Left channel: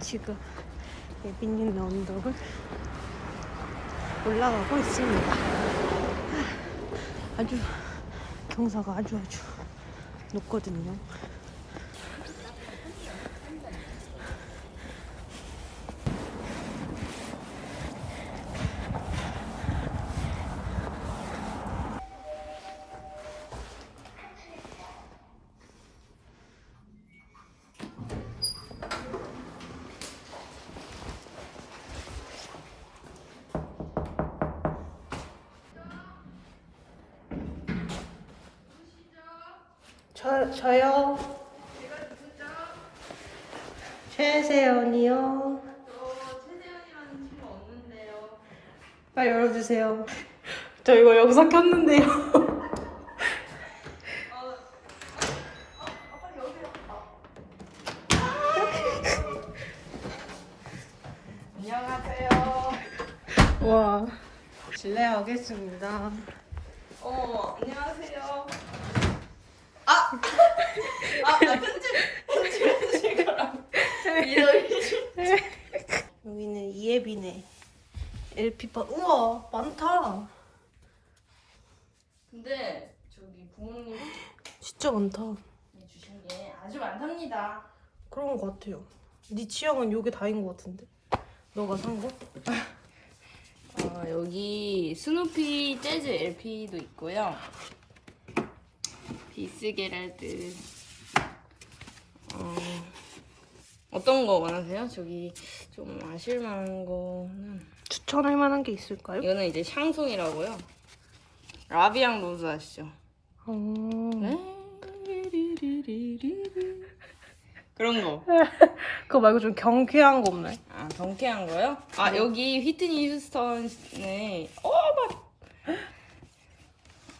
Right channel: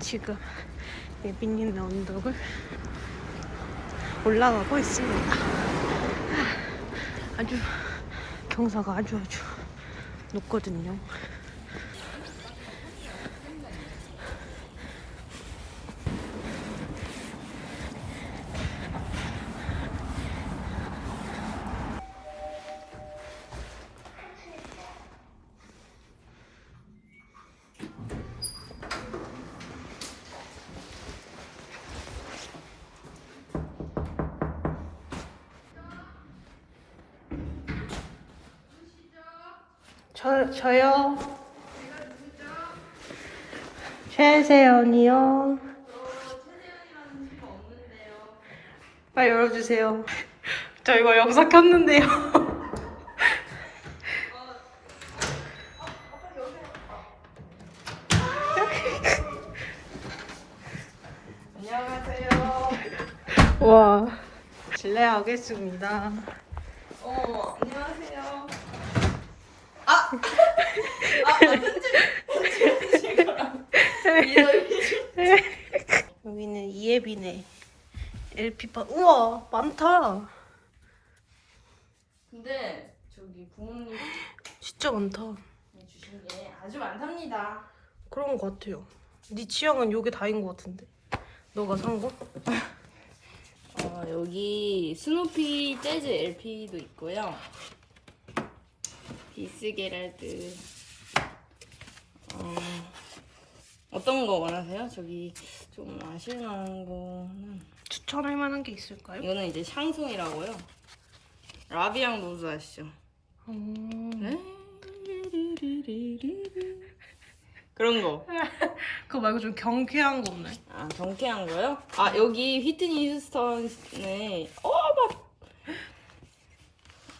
지금 예빈님 언덕을 올라가고 있습니다. 아주 경사가 아주 아주 높거든요. 저, 저요. 최세연이요. 빨리 열어주세요. 저 이거 영상 켰는데요. 안녕하세요. 와. 실례하겠습니다. 어머. 아! 아, 편집, 거랑. 여기는 이예빈의 LP판. 우와, 많다. 근데, 저기 부모님이 진짜 많다. 주신 게 아주 많답니다. 그런 것 같아요. 네 취향은 요게 다인 것 같은데. 너가 산 거? 어, 여기 스누피 재즈 LP도 있고요. 디스게랄드. 어, 어떤 거 원하세요? 저기 좀 아실만한 거는 추천할 만한 게 있을까요? 이거는 이제 샹송이라고요. 라비앙 로즈 아시죠? 어... 네. 그런 거. 그거 말고 좀 경쾌한 거 없나요? 아, 경쾌한 거요? 아, 여기 휘트니 휴스턴의 어, 막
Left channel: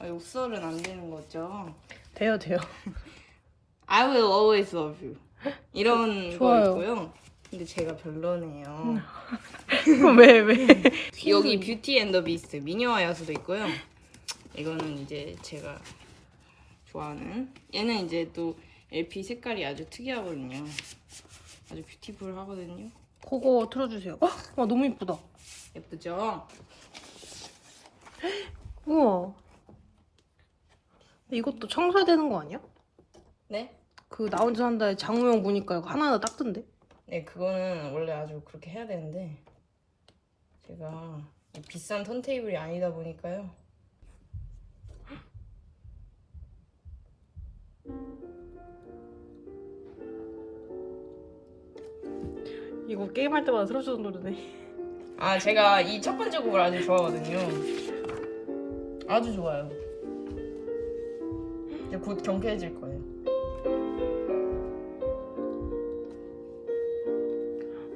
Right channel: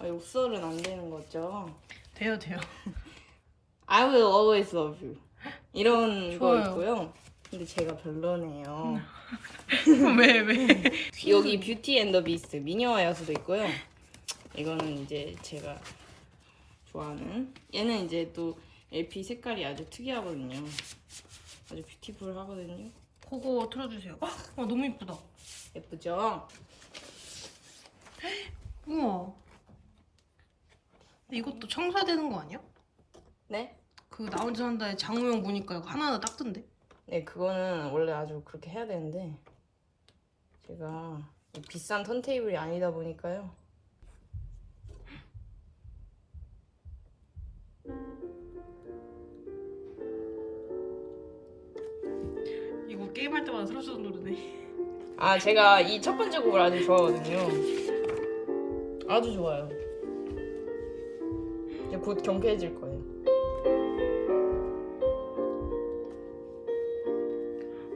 아, 욕설은 안 되는 거죠. 돼요, 돼요. I will always love you. 이런 거 좋아요. 있고요. 근데 제가 별로네요. 왜, 왜? 여기 뷰티 앤 더 비스트 미녀와 야수도 있고요. 이거는 이제 제가 좋아하는 얘는 이제 또 LP 색깔이 아주 특이하거든요. 아주 뷰티풀 하거든요. 그거 틀어주세요. 어? 와, 너무 이쁘다. 예쁘죠? 우와. 이것도 청소해야 되는 거 아니야? 네? 그나 혼자 산다에 장우영 보니까 이거 하나하나 닦던데? 네, 그거는 원래 아주 그렇게 해야 되는데 제가 비싼 턴테이블이 아니다 보니까요. 이거 게임할 때마다 틀어주던 노래네. 아, 제가 이 첫 번째 곡을 아주 좋아하거든요. 아주 좋아요. 곧 경쾌해질 거예요.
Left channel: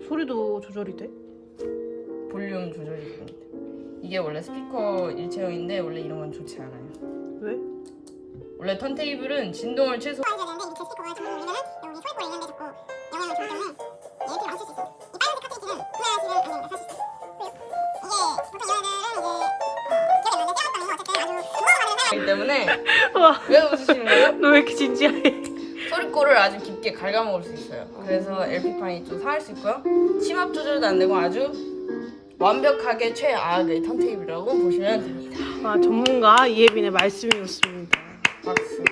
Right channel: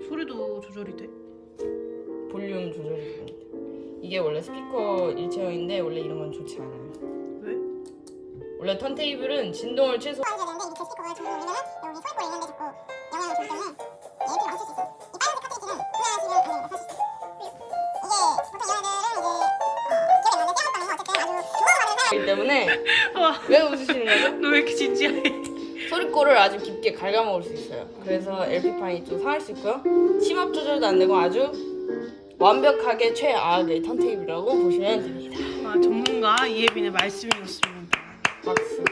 소리도 조절이 돼? 볼륨 조절이 됩니다. 이게 원래 스피커 일체형인데 원래 이런 건 좋지 않아요. 왜? 원래 턴테이블은 진동을 최소 해야 되는데 이게 제 스피커가 지금 올리면 하기 때문에 와, 왜 웃으시는 거예요? 너 왜 이렇게 진지해? 소리꼴을 아주 깊게 갉아먹을 수 있어요. 그래서 LP판이 좀 상할 수 있고요. 심압 조절도 안 되고 아주 완벽하게 최악의 턴테이블이라고 보시면 됩니다. 아, 전문가 이예빈의 말씀이었습니다. 박수.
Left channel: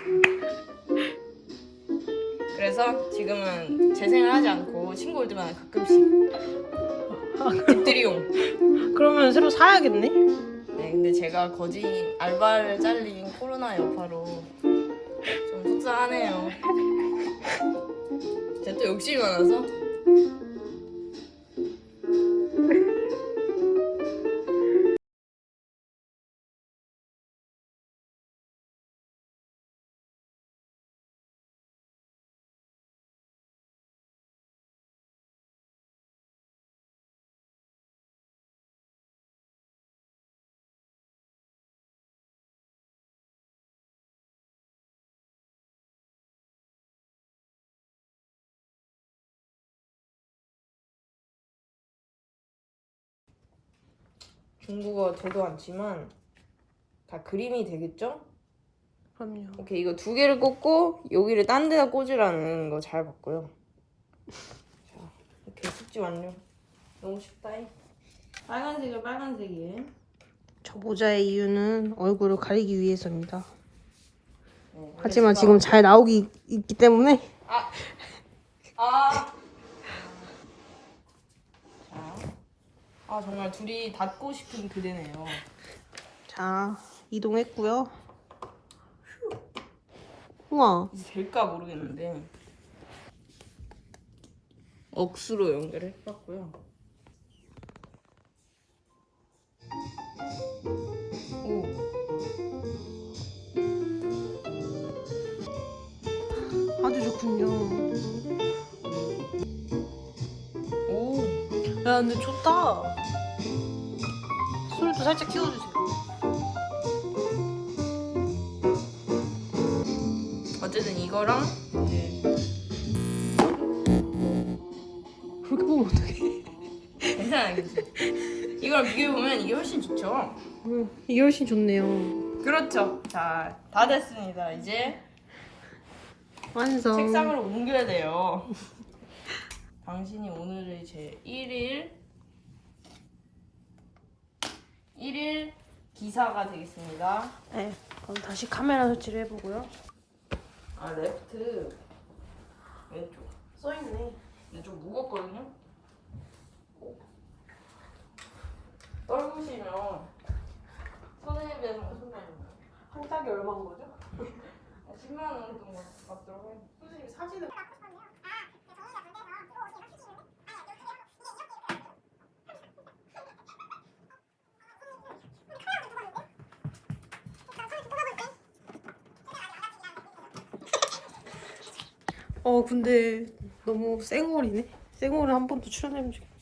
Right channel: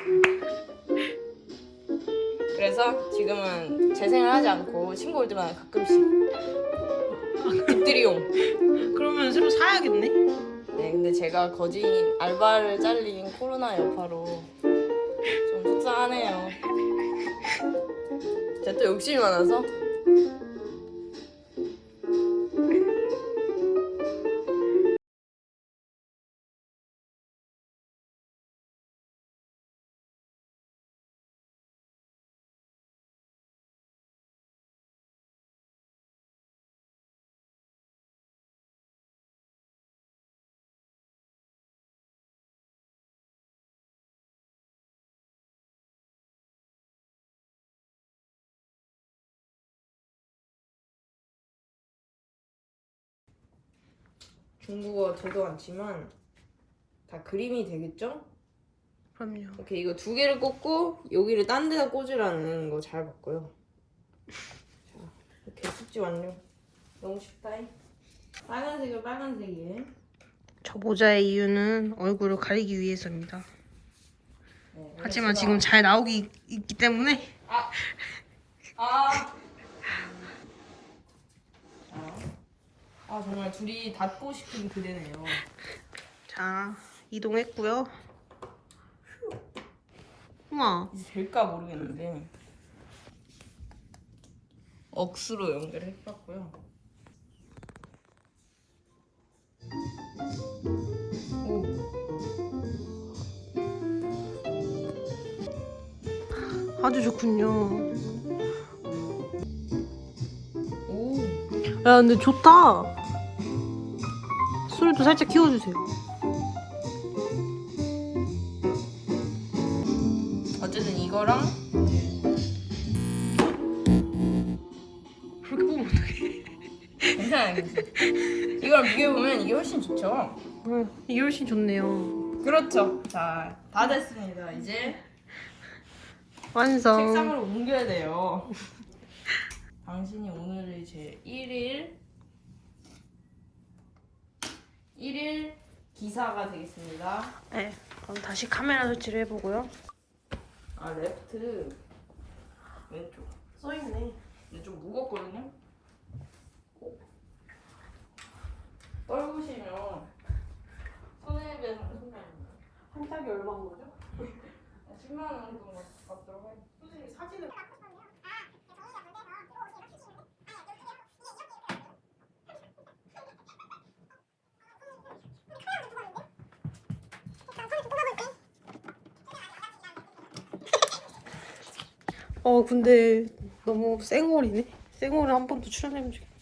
그래서 지금은 재생을 하지 않고 올 때마다 가끔씩 집들이용. 그러면 새로 사야겠네? 네, 근데 제가 거진 알바를 잘린 코로나 여파로 좀 속상하네요. 제가 또 욕심이 많아서 중국어 저도 않지만 다 그림이 되겠죠? 그럼요. 오케이 이거 두 개를 꽂고 여기를 딴 데다 꽂으라는 거 잘 봤고요. 자 이렇게 숙지 완료. 너무 쉽다잉. 빨간색을 빨간색이에. 저 모자의 이유는 얼굴을 가리기 위해서입니다. 네, 하지만. 지금 잘 나오기 있- 있기 때문에 아. 자. 아 정말 둘이 닿고 싶은 그대네요. 자 이동했고요. 우와 이제 될까 모르겠는데. 억수로 연결해봤고요. 오. 아주 좋군요. 오. 야 근데 좋다. 소리도 살짝 키워주세요. 어쨌든 이거랑 그렇게 보면 어떡해. 괜찮아요, 괜찮아요. 이거랑 비교해보면 이게 훨씬 좋죠? 응, 이게 훨씬 좋네요. 그렇죠. 자, 다 됐습니다. 이제 완성. 책상으로 옮겨야 돼요. 당신이 오늘의 제 1일 1일 기사가 되겠습니다. 네, 그럼 다시 카메라 설치를 해보고요. 아, 레프트 왼쪽. 써있네. 근데 좀 무겁거든요. 떨구시면 손에 비해서 손이 한 짝이 얼마인 거죠? 10만 원 정도 받더라고요. 선생님 사진을 어 근데 너무 쌩얼이네. 쌩얼을 한 번 더 출연해보면 좋겠다.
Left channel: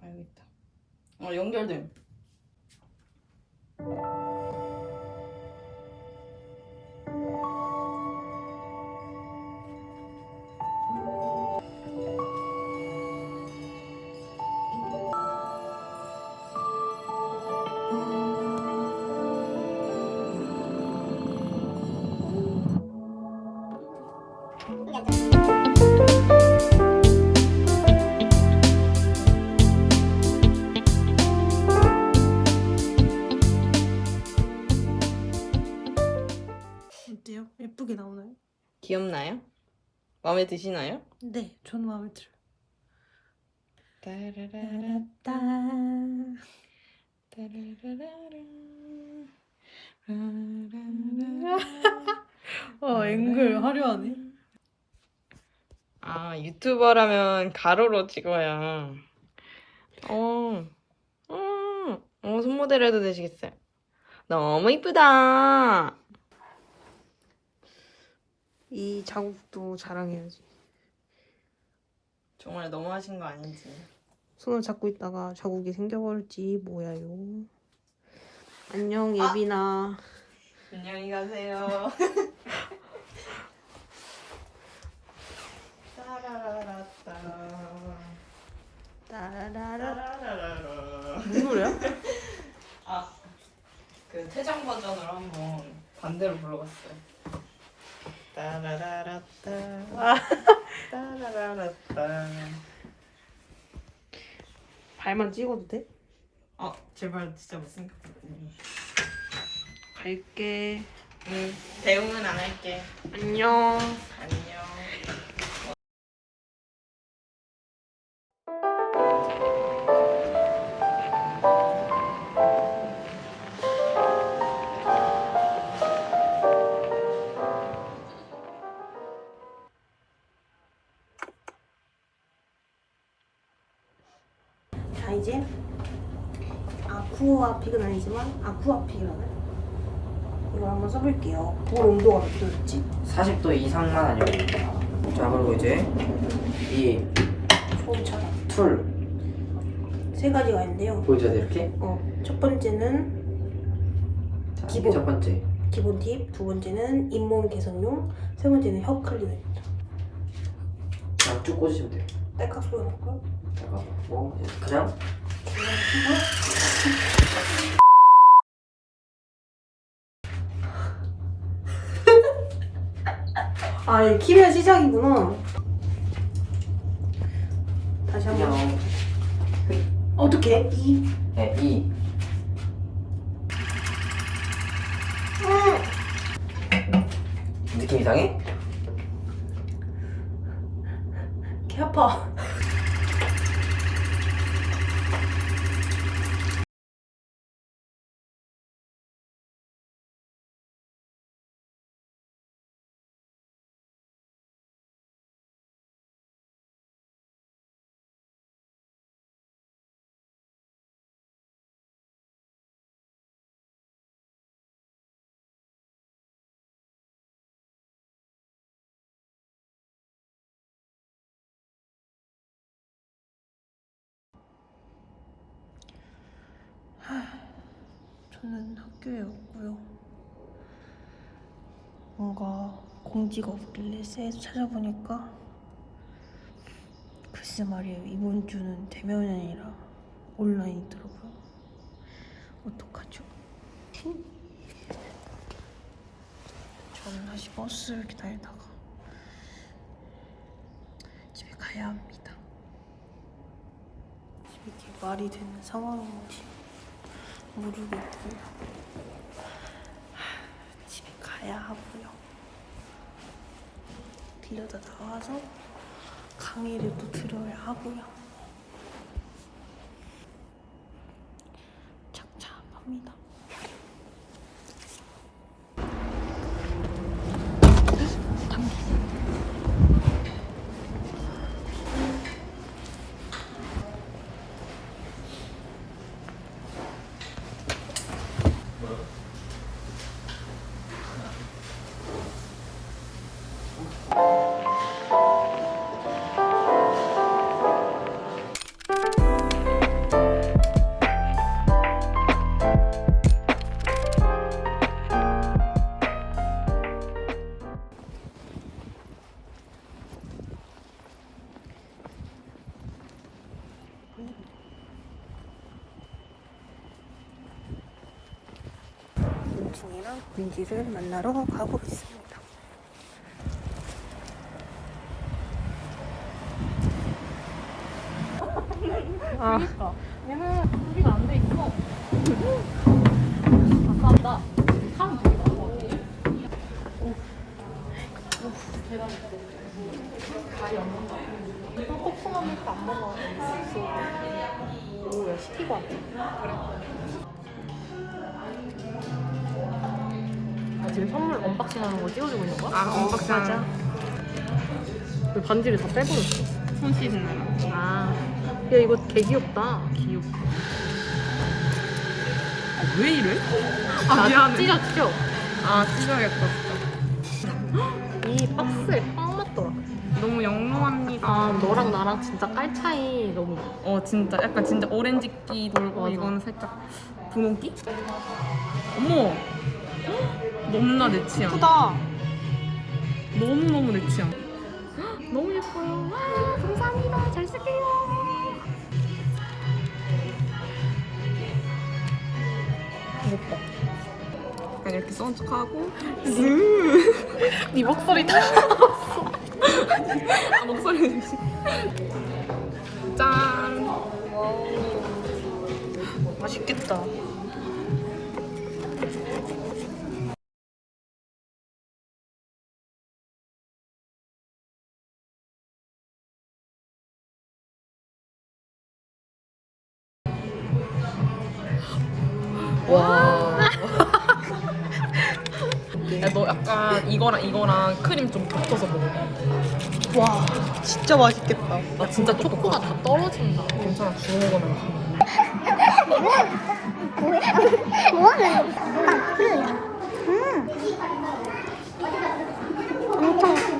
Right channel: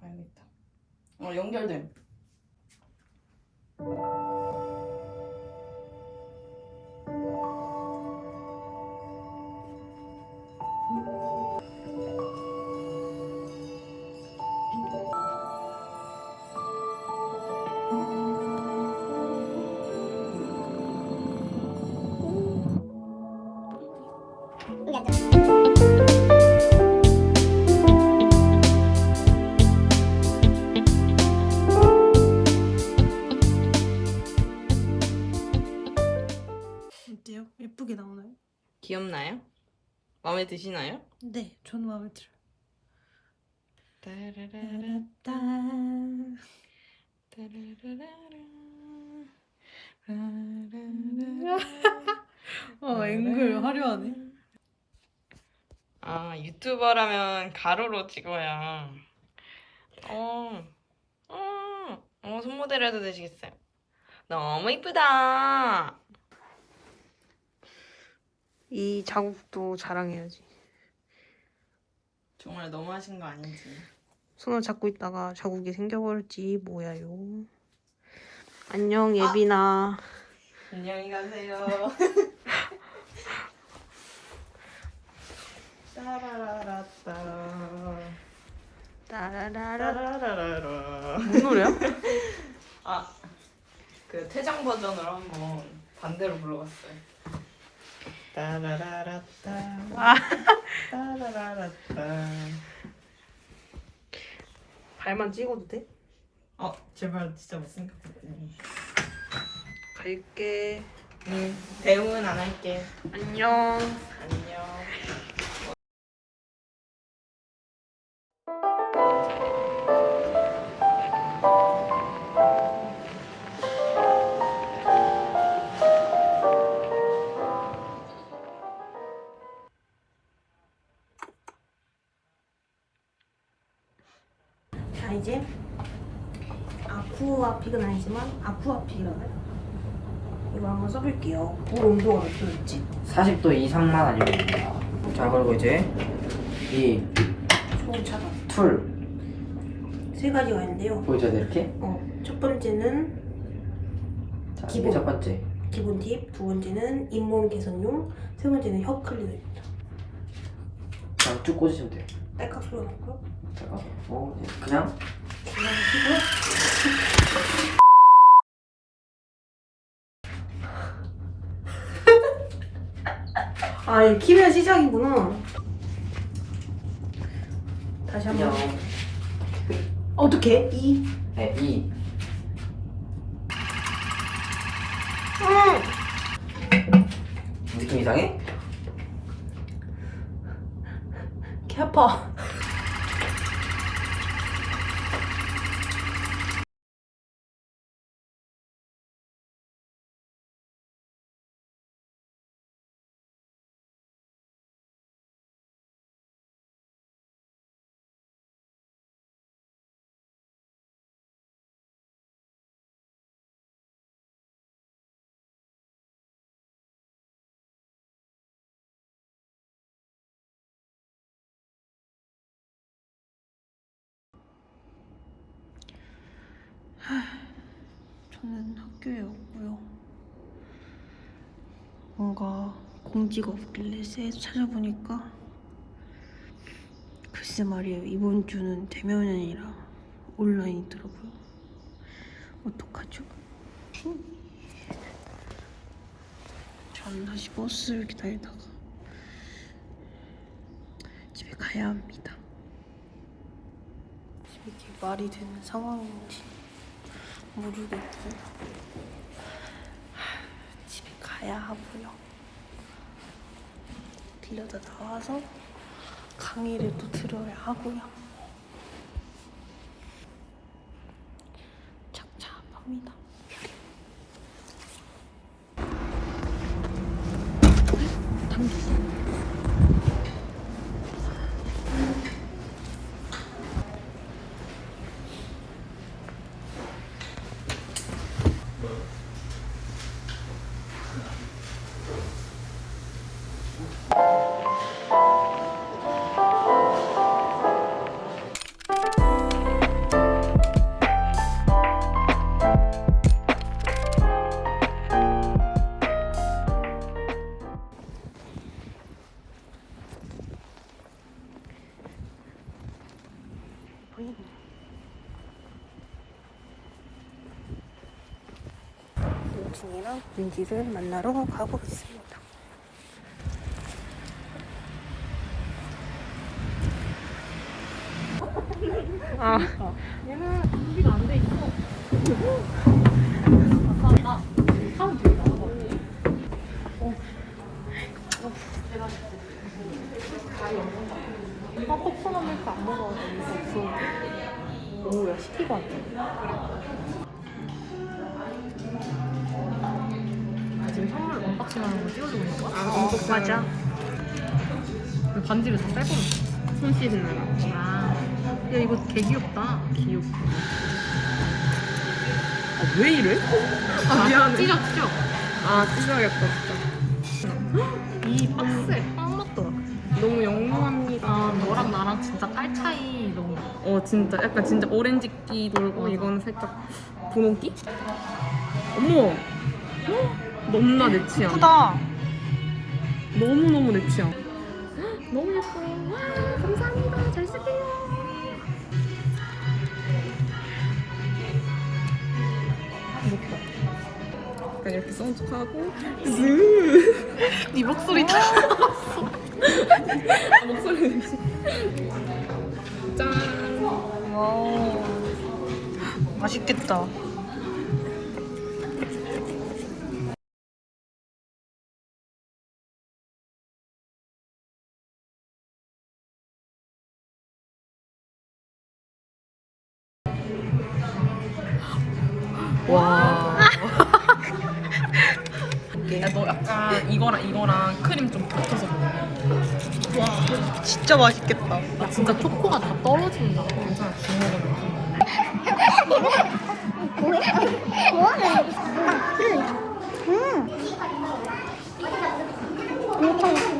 알겠다. 어, 연결됨. 어 귀엽나요? 마음에 드시나요? 네, 저는 마음에 들어요. 따라라라, 따 따라라라라. 어, 앵글 화려하네. 아 유튜버라면 가로로 찍어야 어, 음, 어, 손모델 해도 되시겠어요? 너무 이쁘다. 이 자국도 자랑해야지. 정말 너무 하신 거 아닌지. 손을 잡고 있다가 자국이 생겨버릴지 뭐야요. 안녕 예빈아. 안녕히 가세요. 따라라라따. 따라라라. 따라라라. 무슨 노래야? 아, 그 퇴장 버전으로 한번 반대로 불러봤어요. 따라라라따. 아. 따라라라따. 발만 찍어도 돼? 어, 제발 진짜 못생겼거든 갈게. 응, 대응은 안 할게. 안녕. 안녕. 자 이제 아쿠아픽은 아니지만 아쿠아픽이라는 이걸 한번 써볼게요. 물 온도가 몇 도였지? 40도 이상만 아니면 됩니다. 자 그리고 이제 이 소음 차단. 툴세 가지가 있는데요. 보여줘야 돼 이렇게 어, 첫 번째는 자 기본. 첫 번째 기본 팁, 두 번째는 잇몸 개선용, 세 번째는 혀 클리닝입니다. 그냥 쭉 꽂으시면 돼요 딸깍 소리 나고요. 뭐 그냥 아, 이 키면 시작이구나. 다시 그냥 한번. 어떻게? 이. 네, 이 느낌 이상해? 개 아파. 저는 학교에 없고요. 뭔가 공지가 없길래 찾아보니까 글쎄 말이에요. 이번 주는 대면이 아니라 온라인이더라고요. 어떡하죠? 저는 다시 버스를 기다리다가 집에 가야 합니다. 이게 말이 되는 상황인지 모르겠고 하, 집에 가야 하고요. 빌려다 나와서 강의를 또 들어야 하고요. 착잡합니다. 민기를 만나러 가보겠습니다. 하는 거 있어. 아, 언박싱 맞아. 그 반지를 다 빼버렸어. 손 씻느라. 아. 야, 이거 개 귀엽다. 귀엽다. 왜 이래? 아, 미안해. 찢었죠? 아, 찢어야겠다, 진짜. 이 박스에 빵 맞더라. 너무 영롱합니다. 너랑 나랑 진짜 깔 차이 너무 나. 어 진짜 약간 진짜 오렌지기 돌고 이거는 살짝 분홍기? 어머 헉, 너무나 내 취향. 예쁘다. 너무 너무 내 취향. 헉, 너무 예뻐요. 와 감사합니다. 잘 쓸게요. 약간 이렇게 썬tuk하고 네 목소리 다. 아, 목소리 내지. 짠. 와우. 맛있겠다. 맛있겠다. 아, 진짜 초코가 다 떨어진다. 괜찮아, 주워 먹으면. 엄청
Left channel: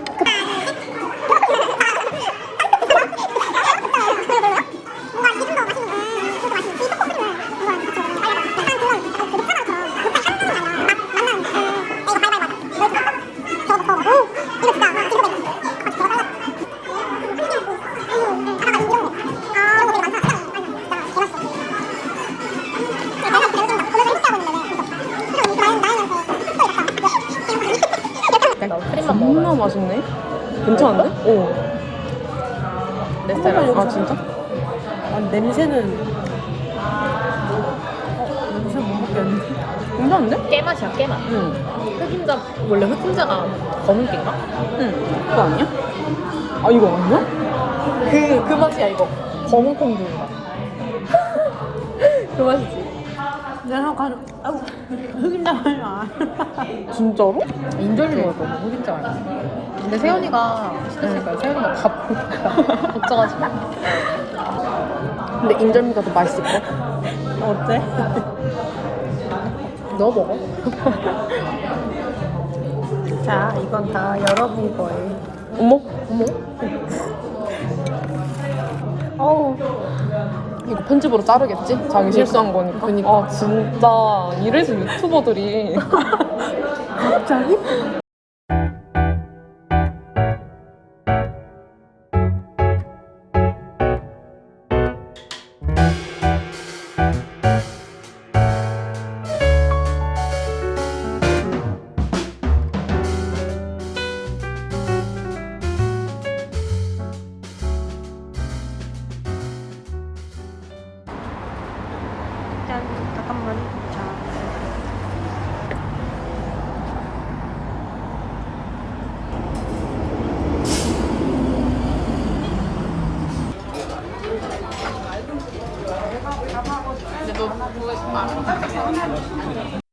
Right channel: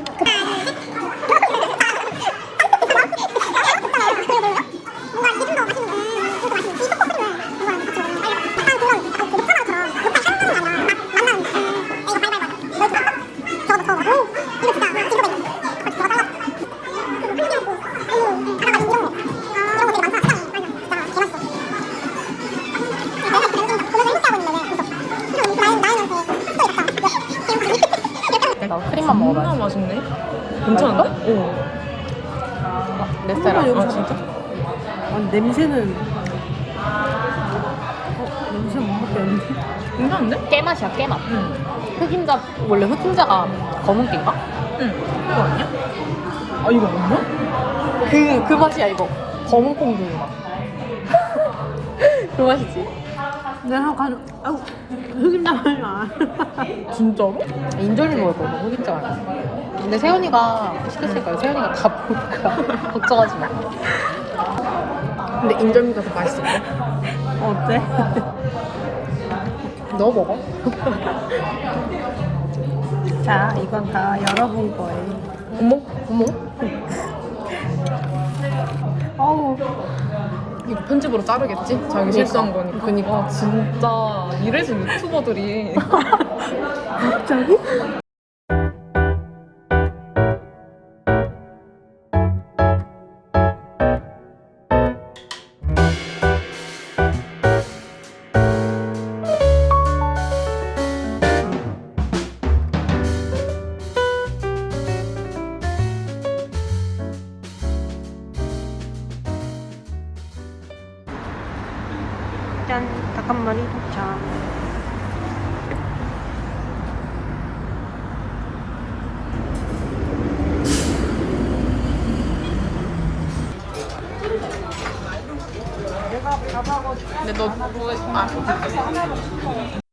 내 한 번만 여기서 진짜? 아 냄새는 어 냄새 못 먹겠는데 괜찮은데? 깨맛이야 깨맛. 응. 흑임자 원래 흑임자가 검은 깨인가? 응. 이거 아니야? 아 이거 아니야? 그그 맛이야 이거. 검은 콩두인가? 그 맛이지. 내가 가져 아우 흑임자 맛이 안 진짜로? 인절미 먹을 거야 흑임자 아니야 근데 세연이가 시켰으니까 세연이가 다 먹을 거야 걱정하지 마. 근데 인절미가 더 맛있을 거야 어때? 너 먹어. 자 이건 다 여러분 거예요. 어머? 어머 이거 편집으로 자르겠지? 자기 실수한 거니까 그니까 아 진짜 이래서 유튜버들이 갑자기? 근데 너 그거 하나로 쓴 거야.